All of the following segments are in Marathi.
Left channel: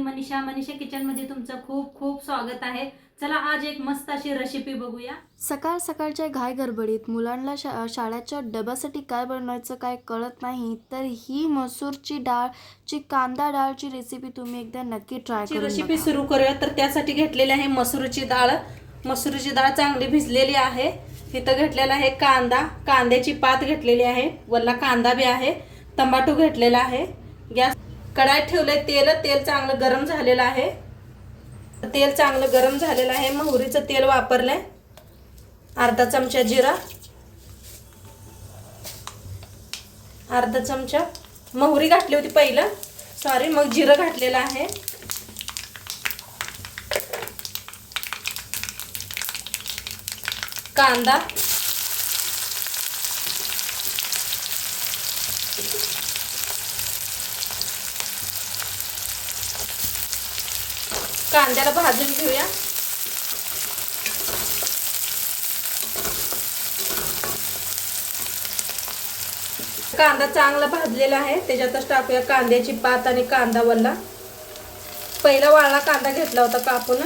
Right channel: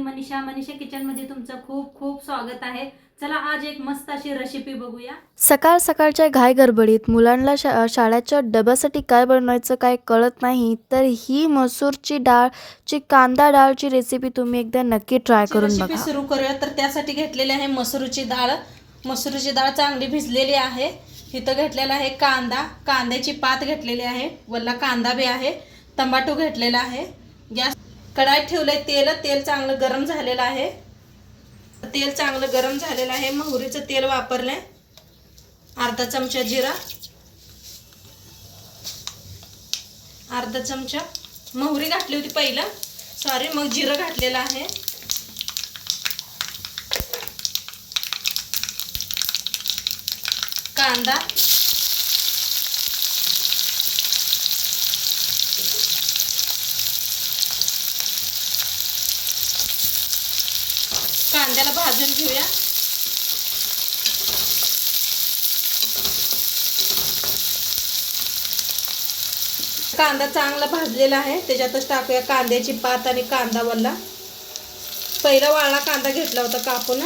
मी मनीषा किचनमध्ये तुमचं खूप खूप स्वागत आहे। चला आज एक मस्त अशी रेसिपी बघूया। सकाळ सकाळच्या घाई गडबडीत मुलांना शाळेच्या डब्यासाठी काय बनवायचं काय कळत नाही, तर ही मसूरची डाळची कांदा डाळची रेसिपी तुम्ही एकदा नक्की ट्राय करून बघा। रेसिपी सुरू करूया। तर त्यासाठी घेतलेली आहे मसूरची डाळ। मसूरची डाळ चांगली भिजलेली आहे। इथं घेतलेला आहे कांदा, कांद्याची पात घेतलेली आहे, वल्ला कांदा बी आहे, टमाटो घेतलेला आहे। गॅस कढाईत ठेवलंय तेल चांगलं गरम झालेलं आहे। तेल चांगलं गरम झालेलं आहे। मोहरीचं तेल वापरलंय, अर्धा चमचा जिरा, अर्धा चमचा मोहरी घातली होती पहिलं, सॉरी, मग जिरं घातलेलं आहे। कांदा, कांद्याला भाजून घेऊया। कांदा चांगला भाजलेला आहे, त्याच्यातच टाकूया कांद्याची पात आणि कांदा वल्ला। पहिला वाळला कांदा घेतला होता कापून,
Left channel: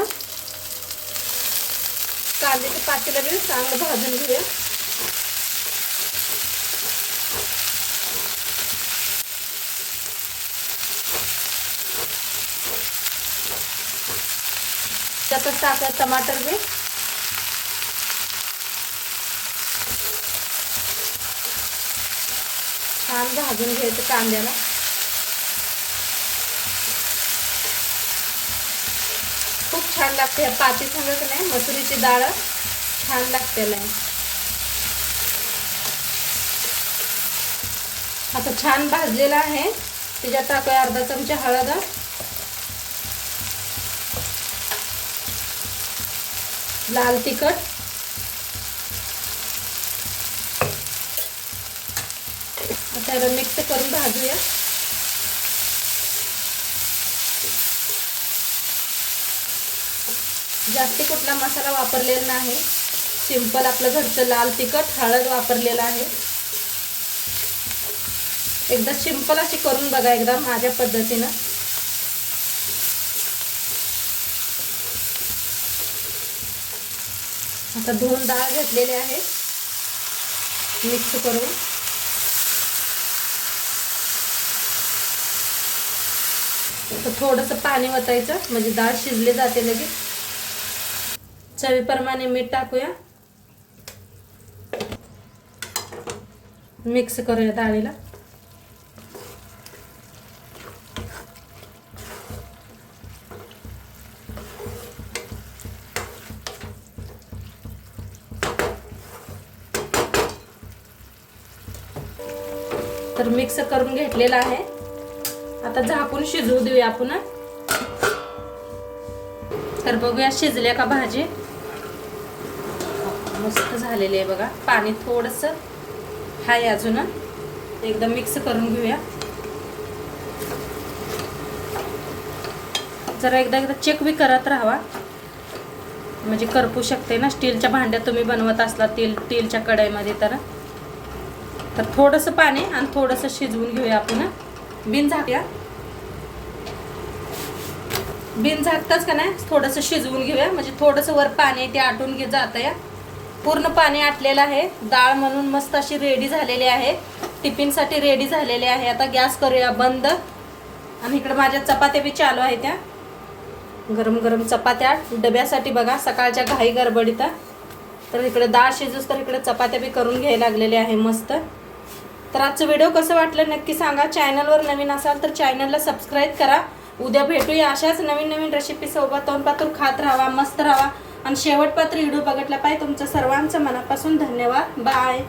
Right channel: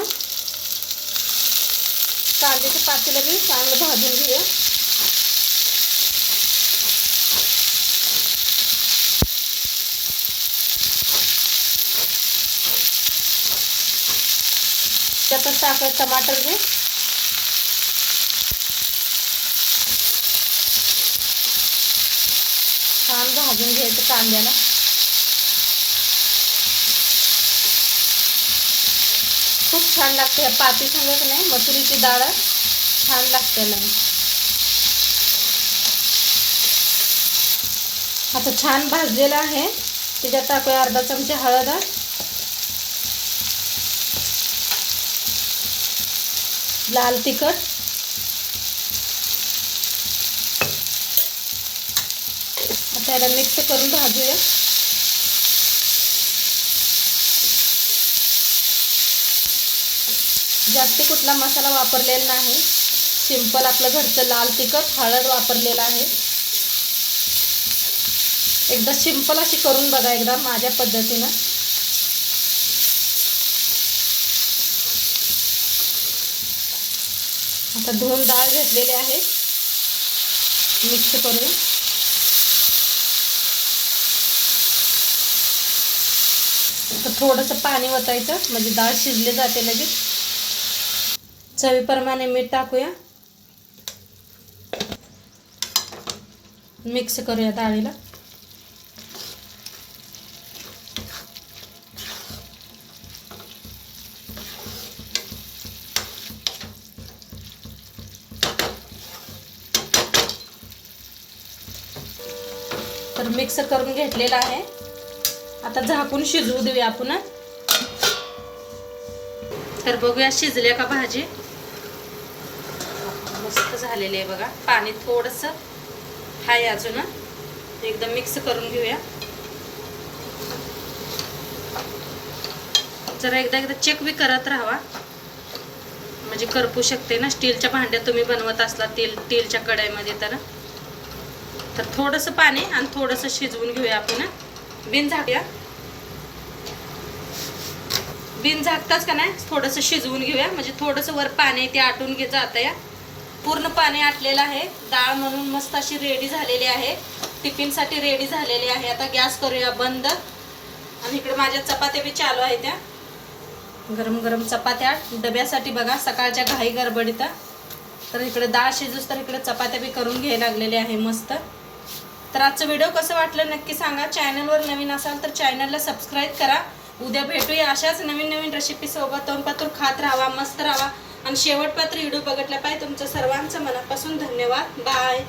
कांद्याच्या पातीला बी चांगलं भाजून घेऊया। त्यातच टाकूया टमाटर बी, छान भाजून घ्यायचं कांद्याला। खूप छान लागते या पाती संगत नाही, मसुरीची डाळ छान लागते नाही। आता छान भाजलेला आहे, त्याच्यात टाकूया अर्धा चमचा हळद, लाल तिखट, आता मिक्स करून भाजूया। जास्त कुठला मसाला वापरलेला नाही, सिंपल आपलं घरचं लाल तिखट, हळद वापरलेला आहे। एकदा सिंपल अशी करून बघा एकदा माझ्या पद्धतीनं। आता धुवून डाळ घेतलेली आहे, मिक्स करून थोडंसं पाणी ओतायचं म्हणजे डाळ शिजली जाते लगेच। चवीप्रमाणे मीठ टाकूया, मिक्स करूया डाळीला। तर मिक्स करून घेतलेला आहे, आता झाकून शिजवू देऊया आपण। तर बघूया शिजल्या का भाजी। मस्त झालेली आहे बघा, पाणी थोडंसं आहे अजून, एकदम मिक्स करून घेऊया। जरा एकदा चेक बी करत राहावा, म्हणजे करपू शकते ना, स्टीलच्या भांड्यात तुम्ही बनवत असला स्टीलच्या कढईमध्ये तर थोडंसं पाणी आणि थोडंसं शिजवून घेऊया आपण। बिन झाकताच का नाही थोडंसं शिजवून घेऊया, म्हणजे थोडंसं वर पाणी ते आटून जातं या। पूर्ण पाणी आटलेलं आहे, डाळ म्हणून मस्त अशी रेडी झालेली आहे, टिफिनसाठी रेडी झालेली आहे। आता गॅस करूया बंद, आणि इकडे माझ्या चपात्या बी चालू आहेत, त्या गरम गरम चपात्या डब्यासाठी बघा सकाळच्या घाई गडबडीत। तर इकडे डाळ शिजूस तर इकडे चपात्या बी करून घ्यायला लागलेल्या आहे मस्त। तर आजचं व्हिडिओ कसं वाटलं नक्की सांगा। चॅनलवर नवीन असाल तर चॅनलला सबस्क्राईब करा। उद्या भेटूया अशाच नवीन नवीन रेसिपी सोबत। तोंडपातूर खात राहावा, मस्त राहावा, आणि शेवटपात्र व्हिडिओ बघितला पाहिजे। तुमचं सर्वांचं मनापासून धन्यवाद, बाय।